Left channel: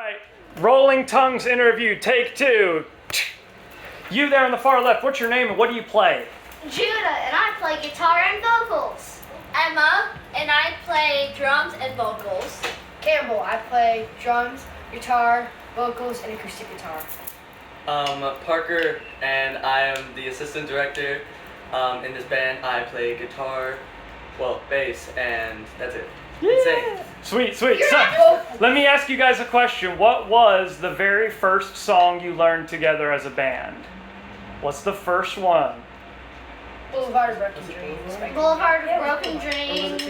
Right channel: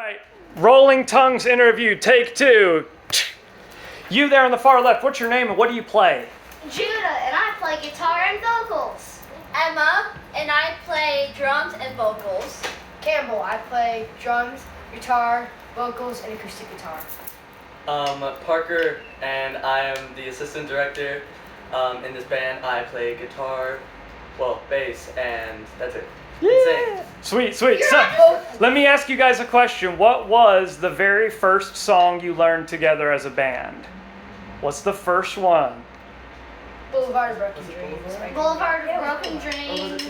right, Rolling Tongues interview, take two. You there on the far left, what's your name and what do you play? Judah, and I play guitar and vocals. Emma, and I play drums and vocals. Campbell, I play drums, guitar, vocals, and acoustic guitar. Parker, and I am the assistant director. In this band, I play guitar, bass, and that's it. Yeah. Sweet. So, let me ask you guys a question. What was the very first song you learned together as a band? What's the first one? Boulevard of Broken Dreams. Boulevard of Broken Dreams.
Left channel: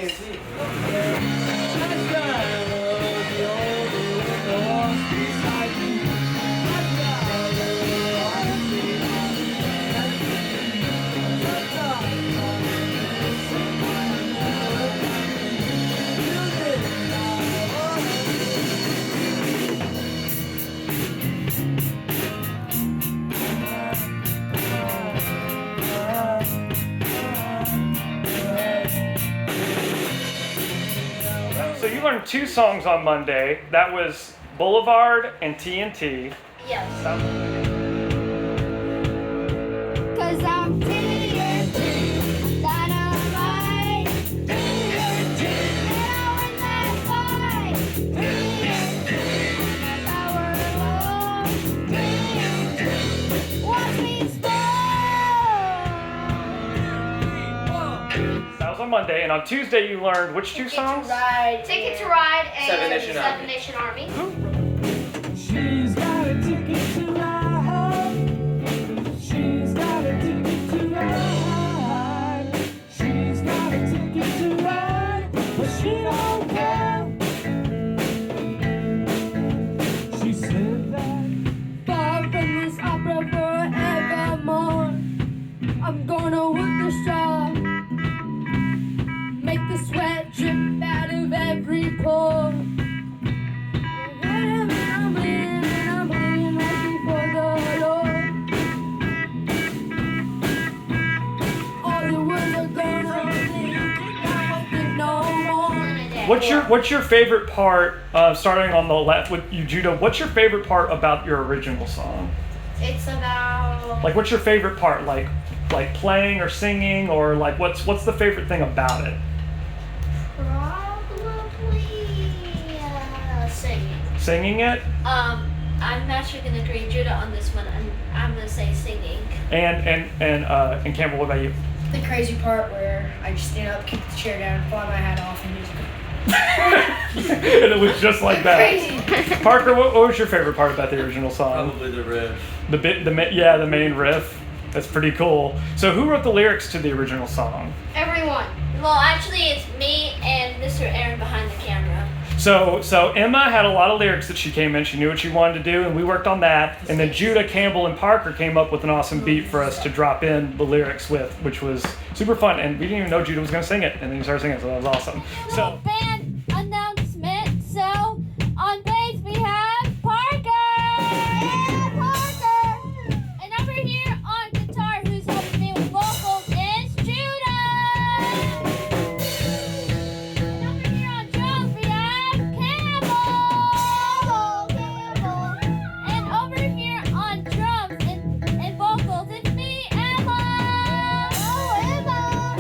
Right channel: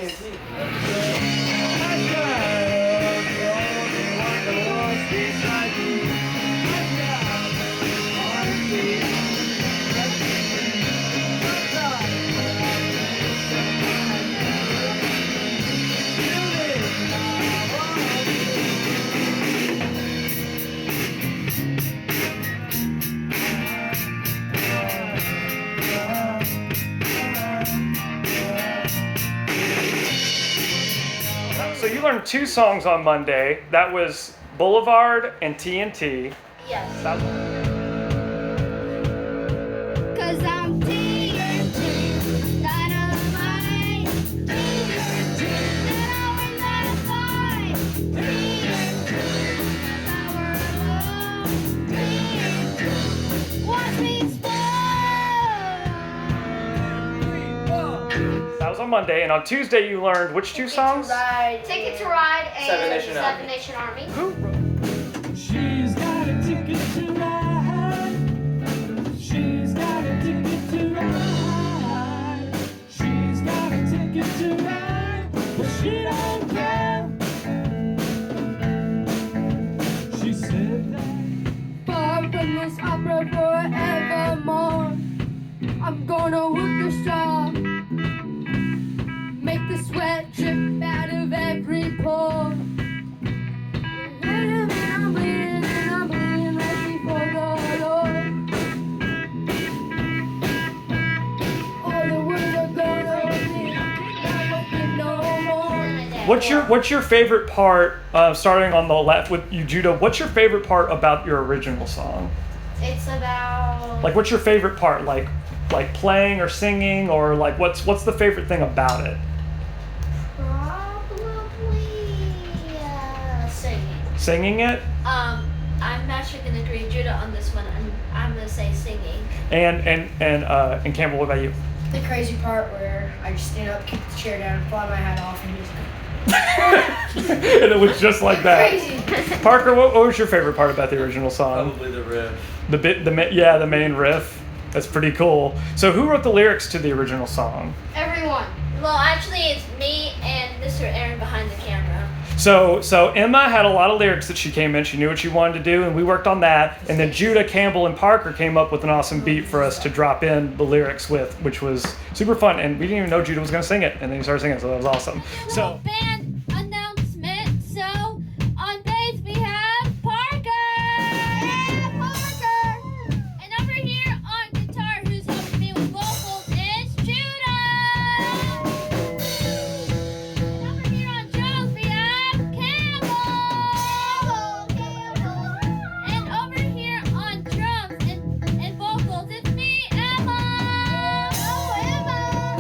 So you learned two songs on Monday. That was Boulevard and TNT. Yes. Cause I'm TNT, dynamite. TNT, that always that fight. TNT, power of love. TNT, watch me explode. That was on Monday, and on Tuesday you learned which two songs? Ticket to Ride and Seven Nation Army. Seven Nation Army. She's got a ticket to ride. She's got a ticket to ride. She's got a ticket to ride, but she don't care. She said that far from this opera forevermore. I'm gonna work the straw, make the sweat drip out of every pore. What's your favorite part? Starting on the left with you, Judah. What's your favorite part about your original song? It's about Like, what's your favorite part? Like playing or singing, or like what's the favorite thing about it? probably singing. Singing it, I'm actually gonna agree with Judah on this one. I'm gonna say singing. and Campbell, what about you? The crazy part where I just stand up, kick the chair down, fly my hat off, and just And it was just like that. crazy. Parker, what was your favorite part about the original song? Probably the riff. The main riff. That's pretty cool. So who wrote the lyrics to the original song? Everyone. Well, actually, it's me and Mr. Aaron behind the camera. So Emma had a lot of lyrics that she came in. She knew what she wanted to do, and we worked on that. And then Judah, Campbell, and Parker came up with an awesome beat for us to drop in the lyrics with, which was super fun. And we didn't even know Judah was going to sing it, and then he started singing, so that was awesome. So Band announcement. So on bass we have Parker. Yeah, Parker. And over here on guitar, who's helping me with vocals, is Judah. And over here on drums, we have Campbell. And over here on drums and vocals, it's me, Emma. Oh, Emma.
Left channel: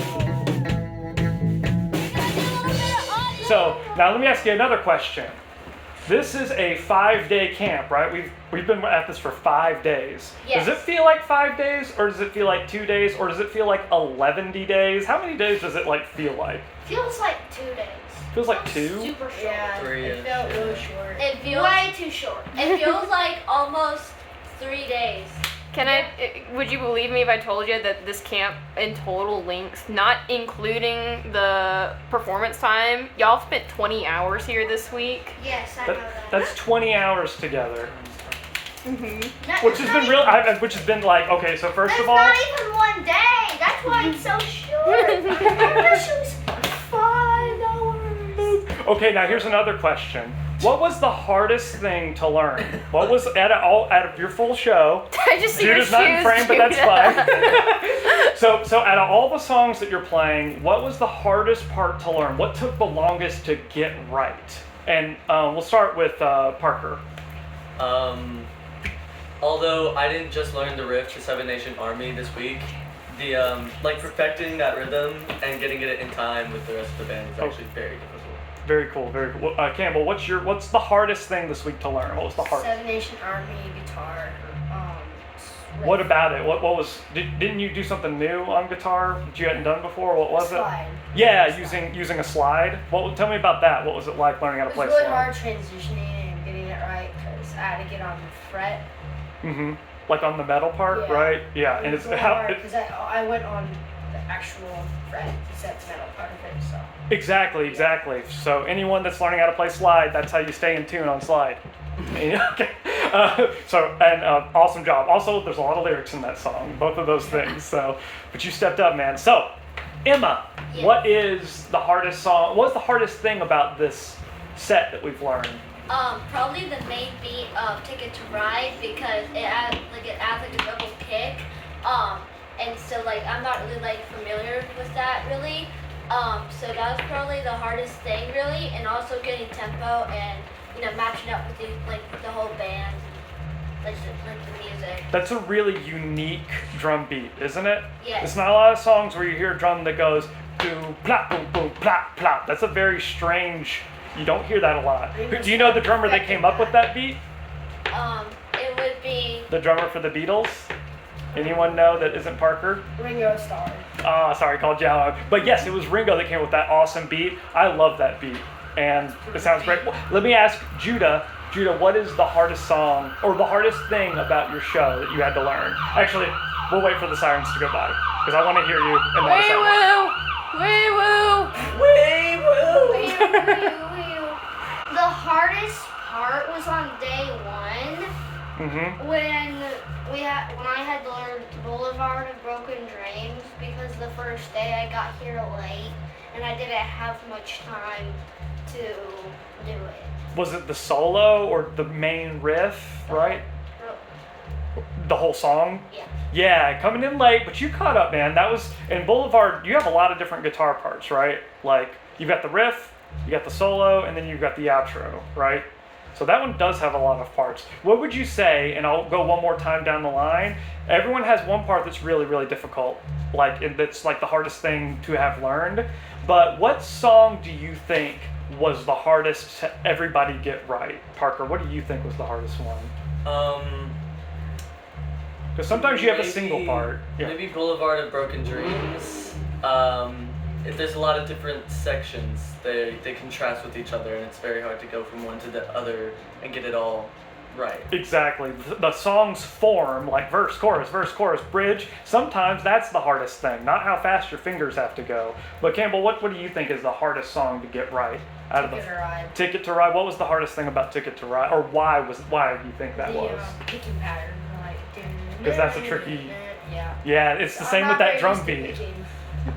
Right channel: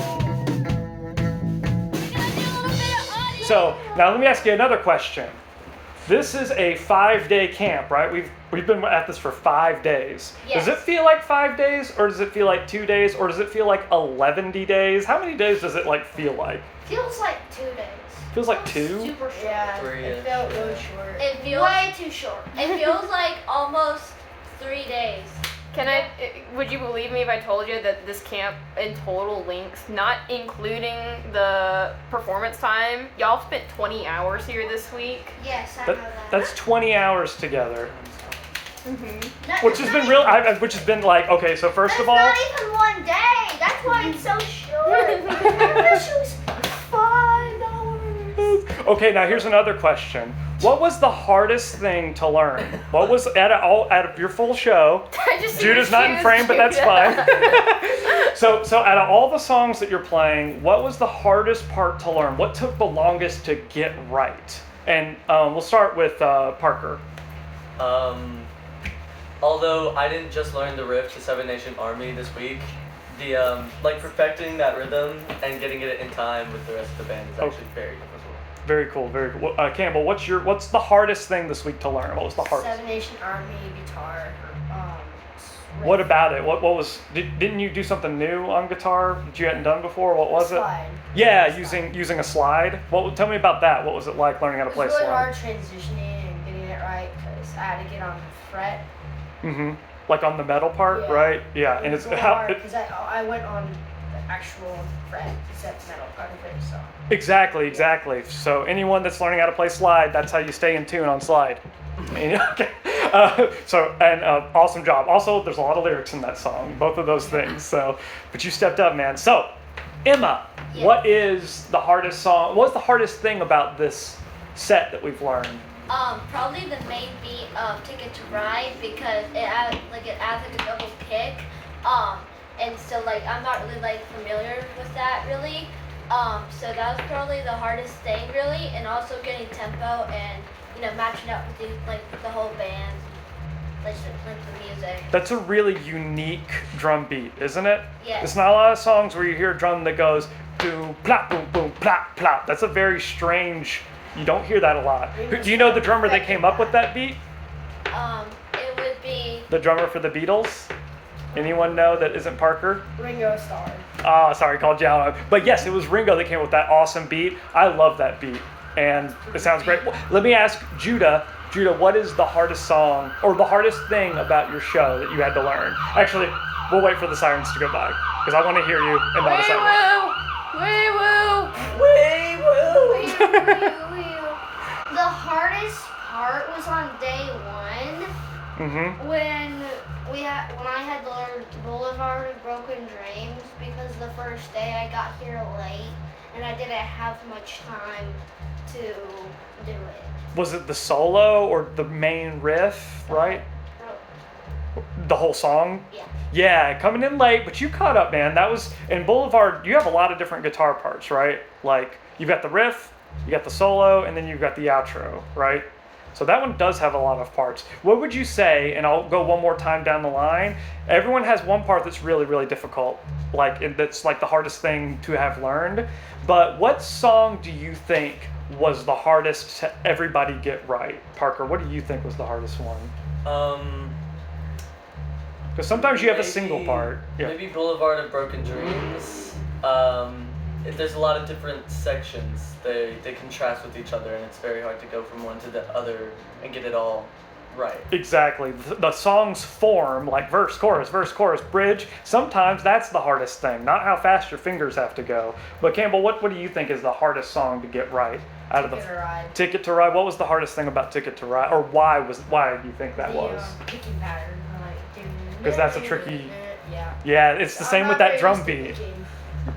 We're gonna do a little bit of audio. So now let me ask you another question. This is a 5-day camp, right? We've been at this for 5 days. Yes. Does it feel like 5 days, or does it feel like 2 days, or does it feel like 11 days? How many days does it feel like? Feels like 2 days. Feels like 2? Super short. Yeah, Three it and felt short. really short. It feels Way too short. It feels like almost 3 days. Would you believe me if I told you that this camp in total length, not including the performance time, y'all spent 20 hours here this week? Yes, I know that. That's 20 hours together, That- which has that's been not real. Which has been like, okay. So first That's of all, not even 1 day. That's why it's so short. I wish it was 5 hours. okay. Now here's another question. What was the hardest thing to learn? What was out of your full show? I just see your Judah's not in shoes, frame, but that's Judah. fine. So out of all the songs that you're playing, what was the hardest part to learn? What took the longest to get right? And we'll start with Parker. Although I didn't just learn the riff to Seven Nation Army this week, the like perfecting that rhythm and getting it in time with the rest of the band is actually very difficult. Very cool, very cool. Campbell, what's the hardest thing this week to learn? What was the hardest? Seven Nation Army guitar. What about it? What was? Didn't you do something new on guitar that you hadn't done before? What was it? Slide. Yeah, Slide. using a slide. Well, tell me about that. What was it like learning how to It play was really slide? hard transitioning and getting it right because I had to get on the fret. Mm-hmm. Like on the metal part, Yeah. right? Yeah, and It was it's really how. hard because I went on the actual fret except metal part of it. So Exactly. So anyone that's learning how to play slide, that's how you stay in tune on slide. Okay. Awesome job. Also, there's a lot of lyrics in that song, both of those things. So, but you stepped up, man. So, Emma, Yeah. what is the hardest song? What's the hardest thing about this set that we've learned? Probably the main beat of Ticket to Ride because it adds like a double kick. And so like I'm not really like familiar with that really. So that was probably the hardest thing really, and also getting tempo and matching up with the whole band, like the music. That's a really unique drum beat, isn't it? Yes. There's not a lot of songs where you hear a drum that goes boom, plop, boom, boom, plop, plop. That's a very strange. You don't hear that a lot. Do you know the drummer that came up with that beat? It would be The drummer for the Beatles? Anyone know that isn't Parker? Ringo Starr. Oh, sorry, called you out. But yes, it was Ringo that came up with that awesome beat. I love that beat, and it sounds great. Well, let me ask Judah. Judah, what is the hardest song or the hardest thing about your show that you had to learn? Actually, we'll wait for the sirens to go by because I want to hear you and not a siren. Wee woo! the hardest part was on day one. Mm-hmm. When I had learned Boulevard of Broken Dreams because the first day I got here late and I didn't have much time to do it. Was it the solo or the main riff, right? The whole song? Yeah. Yeah, coming in late, but you caught up, man. That was in Boulevard. You have a lot of different guitar parts, right? Like you've got the riff, you got the solo, and then you've got the outro, right? So that one does have a lot of parts. What would you say, and I'll go one more time down the line, everyone has one part that's really, really difficult, that's like the hardest thing to have learned, but what song do you think was the hardest to everybody get right? Parker, what do you think was the hardest one? Because sometimes you have a single part. Yeah. Maybe Boulevard of Broken Dreams. There's a lot of different sections. They contrast with each other, and it's very hard to go from one to the other and get it all right. Exactly. The songs form like verse, chorus, bridge. Sometimes that's the hardest thing, not how fast your fingers have to go. But Campbell, what do you think is the hardest song to get right out of the Ticket to Ride. Ticket to Ride? What was the hardest thing about Ticket to Ride, or why do you think that was? Picking pattern. Because that's a tricky. Yeah. Yeah, it's the same with that drum beat,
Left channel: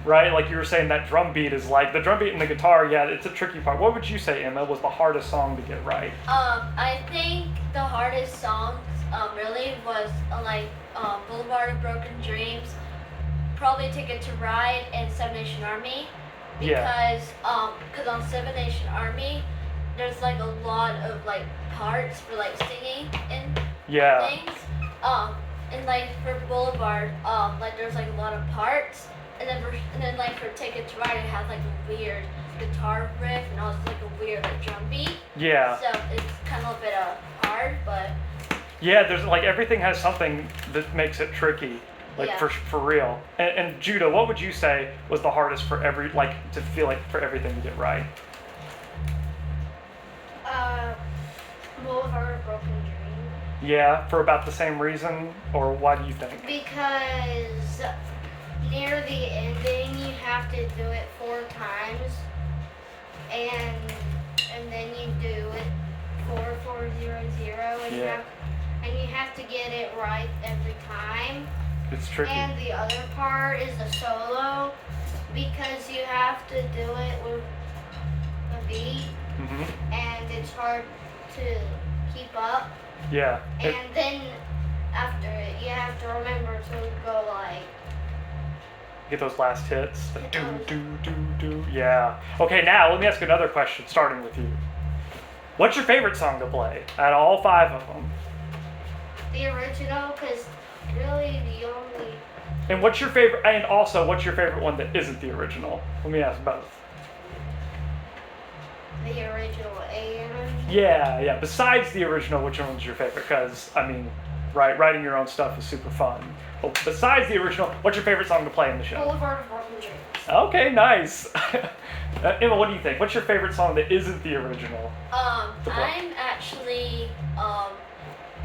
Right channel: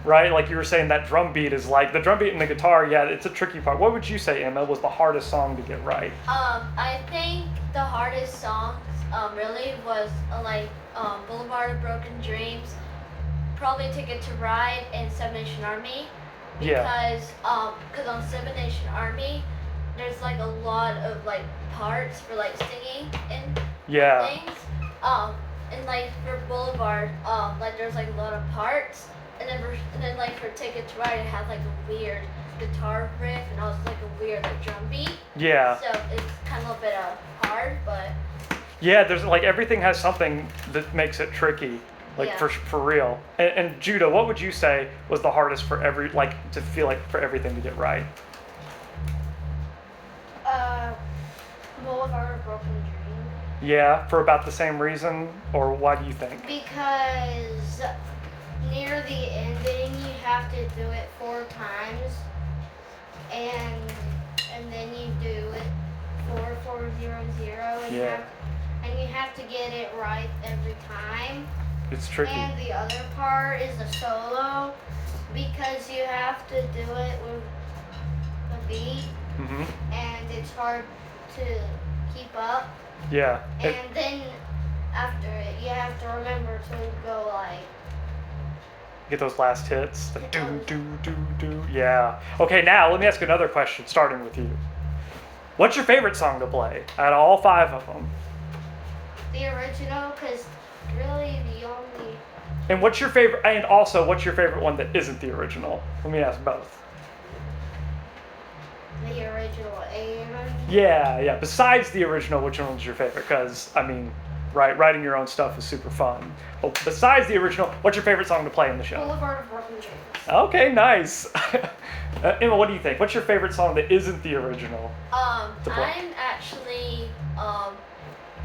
right? Like you were saying, that drum beat is like the drum beat and the guitar. Yeah, it's a tricky part. What would you say, Emma, was the hardest song to get right? I think the hardest songs really was Boulevard of Broken Dreams, probably Ticket to Ride, and Seven Nation Army. Yeah. Because on Seven Nation Army, there's like a lot of like parts for like singing and Yeah. things. And like for Boulevard, like there's like a lot of parts, and then like for Ticket to Ride, it has like a weird guitar riff and also like a weird like drum beat. Yeah. So it's kind of a bit hard, but Yeah, there's like everything has something that makes it tricky, like Yeah. for real. And Judah, what would you say was the hardest for to feel like for everything to get right? Boulevard of Broken Dreams. Yeah, for about the same reason, or why do you think? Because near the ending, you have to do it 4 times, and then you do it 4-4-0-0, Yeah. and you have to get it right every time. It's tricky. And the other part is the solo, because you have to do it with a beat, Hmm. and it's hard to keep up. Yeah. And then after it, you have to remember to go like. Get those last hits. The do. Yeah. Okay, now let me ask another question, starting with you. What's your favorite song to play out of all 5 of them? The original, because really the only. And what's your favorite? And also, what's your favorite one that isn't the original? Let me ask both. The original and. Yeah. Besides the original, which one's your favorite? Because I mean, writing your own stuff is super fun. Well, besides the original, what's your favorite song to play in the show? Boulevard of Broken Dreams. Okay, nice. Emma, what do you think? What's your favorite song that isn't the original? I'm actually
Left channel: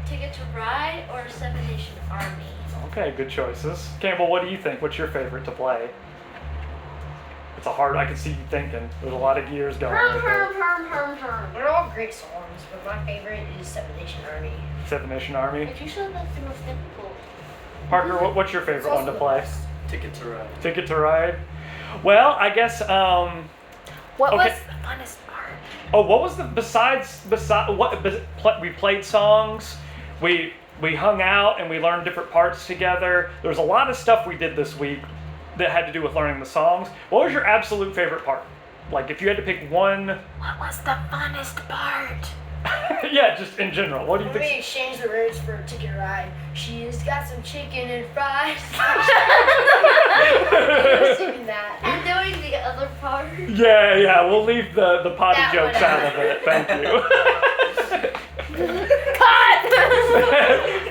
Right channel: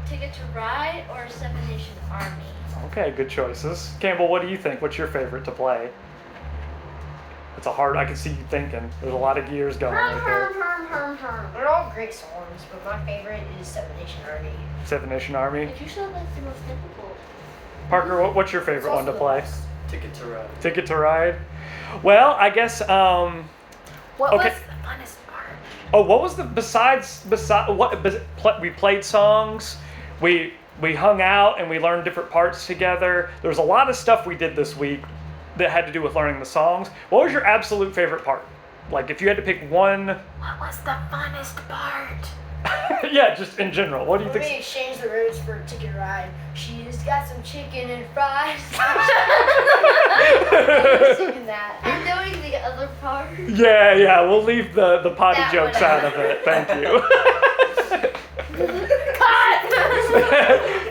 Ticket to Ride or Seven Nation Army. Okay, good choices. Campbell, what do you think? What's your favorite to play? It's a hard. I can see you thinking. There's a lot of gears going. Right there. They're all great songs, but my favorite is Seven Nation Army. Seven Nation Army. But you said that's the most difficult. Parker, what's your favorite one to play? Ticket to Ride. Ticket to Ride. Well, I guess. What Okay. was the funnest part? Oh, what was the besides what we played songs, we hung out and we learned different parts together. There was a lot of stuff we did this week that had to do with learning the songs. What was your absolute favorite part? Like if you had to pick one. What was the funnest part? Yeah, just in general. What do you When we think? exchanged the rooms for a ticket ride, she's got some chicken and fries. Singing that. I'm doing the other part. Yeah. We'll leave the potty That jokes one out of it. Thank you.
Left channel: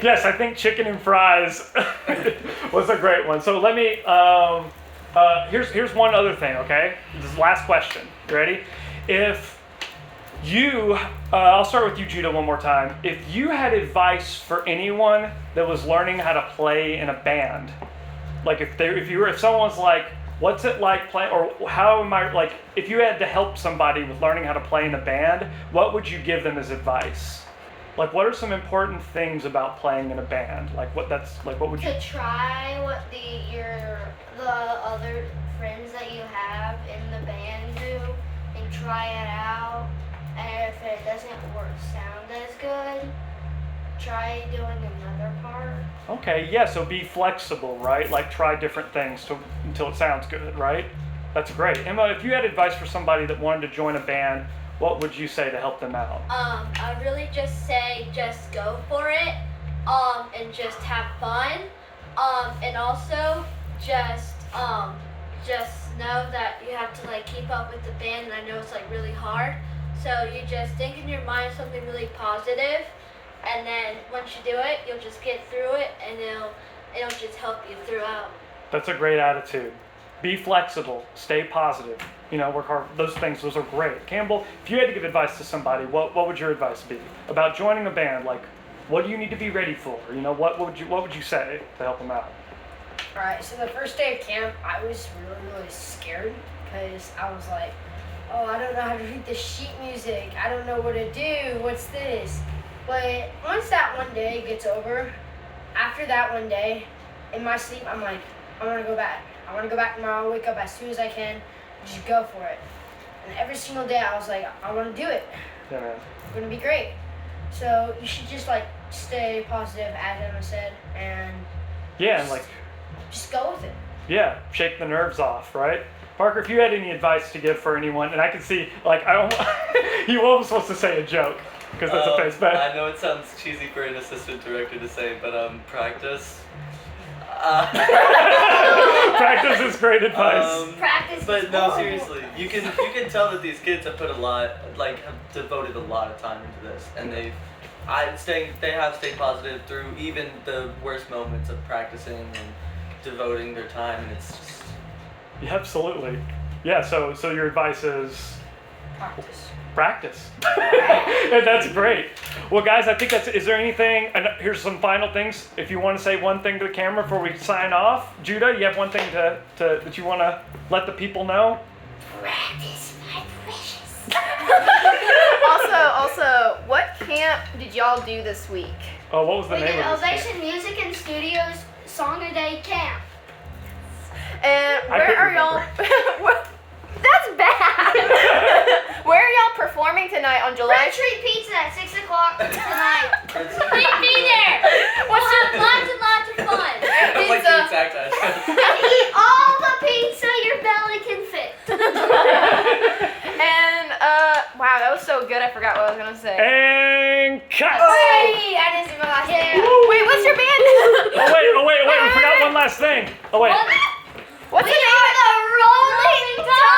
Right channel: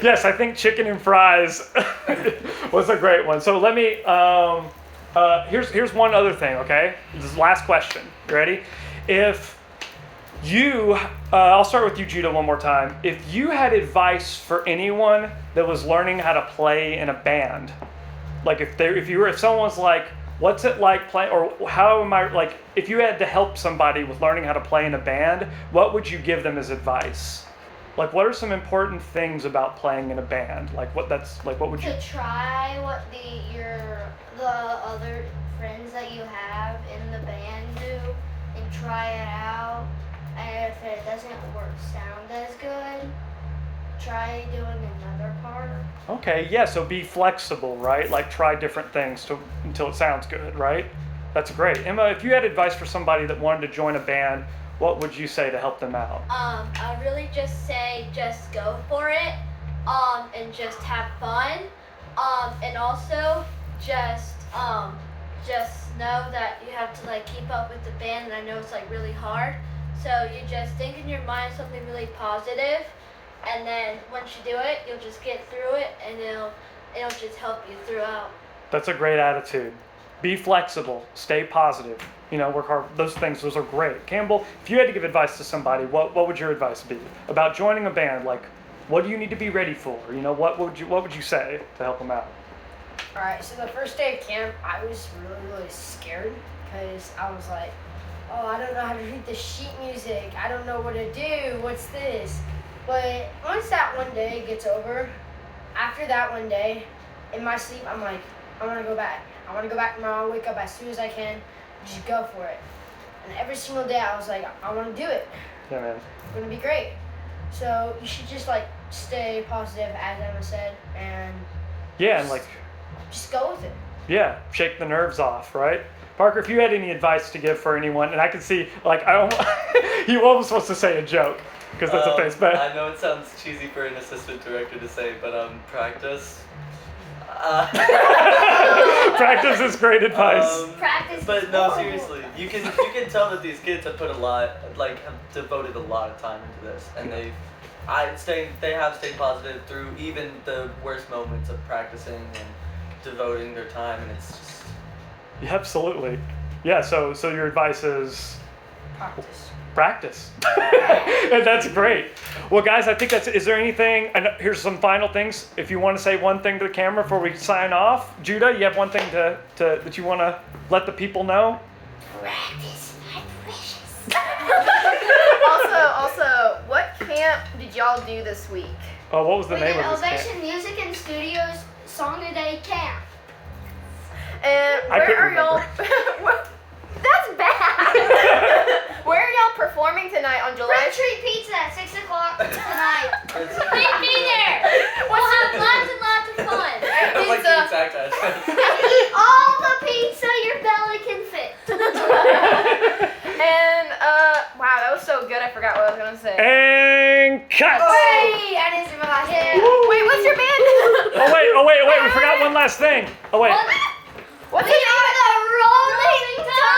Yes, I think chicken and fries was a great one. So let me. Here's one other thing. Okay, this is the last question. You ready? If you, I'll start with you, Judah, one more time. If you had advice for anyone that was learning how to play in a band, like if someone was like, what's it like playing, or how am I, like, if you had to help somebody with learning how to play in a band, what would you give them as advice? Like, what are some important things about playing in a band? Like, what would you? To try what the other friends that you have in the band do, and try it out. And if it doesn't sound as good, try doing another part. Okay, yeah, so be flexible, right? Like, try different things until it sounds good, right? That's great. Emma, if you had advice for somebody that wanted to join a band, what would you say to help them out? I really just say just go for it, and just have fun, and also just know that you have to like keep up with the band, and I know it's like really hard. So you just think in your mind something really positive, and then once you do it, you'll just get through it, and it'll just help you throughout. That's a great attitude. Be flexible, stay positive, work hard. Those are great. Campbell, if you had to give advice to somebody, what would your advice be about joining a band? Like, what do you need to be ready for? What would you say to help them out? Alright, so the first day of camp, I was really scared because I was like, oh, I don't know how to read the sheet music. I don't know what to do. What's this? But once that one day gets over, after that one day, in my sleep, I'm like, I want to go back. I want to go back tomorrow, wake up as soon as I can, just go for it. And every single day I was like, I want to do it. Yeah, man. It's going to be great. So you should just like stay positive, as Emma said, and Yeah, and like, just go with it. yeah, shake the nerves off, right? Parker, if you had any advice to give for anyone, and I can see, like, he almost wants to say a joke, because that's a face, but I know it sounds cheesy for an assistant director to say, but practice. practice is great advice. Practice. But is no, horrible. seriously, you can tell that these kids have put have devoted a lot of time into this, and they have stayed positive through even the worst moments of practicing and devoting their time, and it's just. Yeah, absolutely. Yeah, so your advice is practice. And that's great. Well, guys, I think is there anything, and here's some final things. If you want to say one thing to the camera before we sign off. Judah, you have one thing that you want to let the people know? Practice my precious. Also, what camp did y'all do this week? Oh, what was the We name did of this Ovation camp? Music and Studios Song a Day Camp. And I where couldn't are y'all? remember. That's bad. Where are y'all performing tonight on July? Red Tree Pizza at 6 o'clock tonight. Please Please be there. We'll have lots and lots of fun. I like the exact address. Eat all the pizza your belly can fit. And wow, that was so good. I forgot what I was gonna say. And cut. Hey, I didn't see my last name. Wait, what's your band? Oh wait, we forgot one last thing. Oh wait. What's We the name? are the Rolling Stones.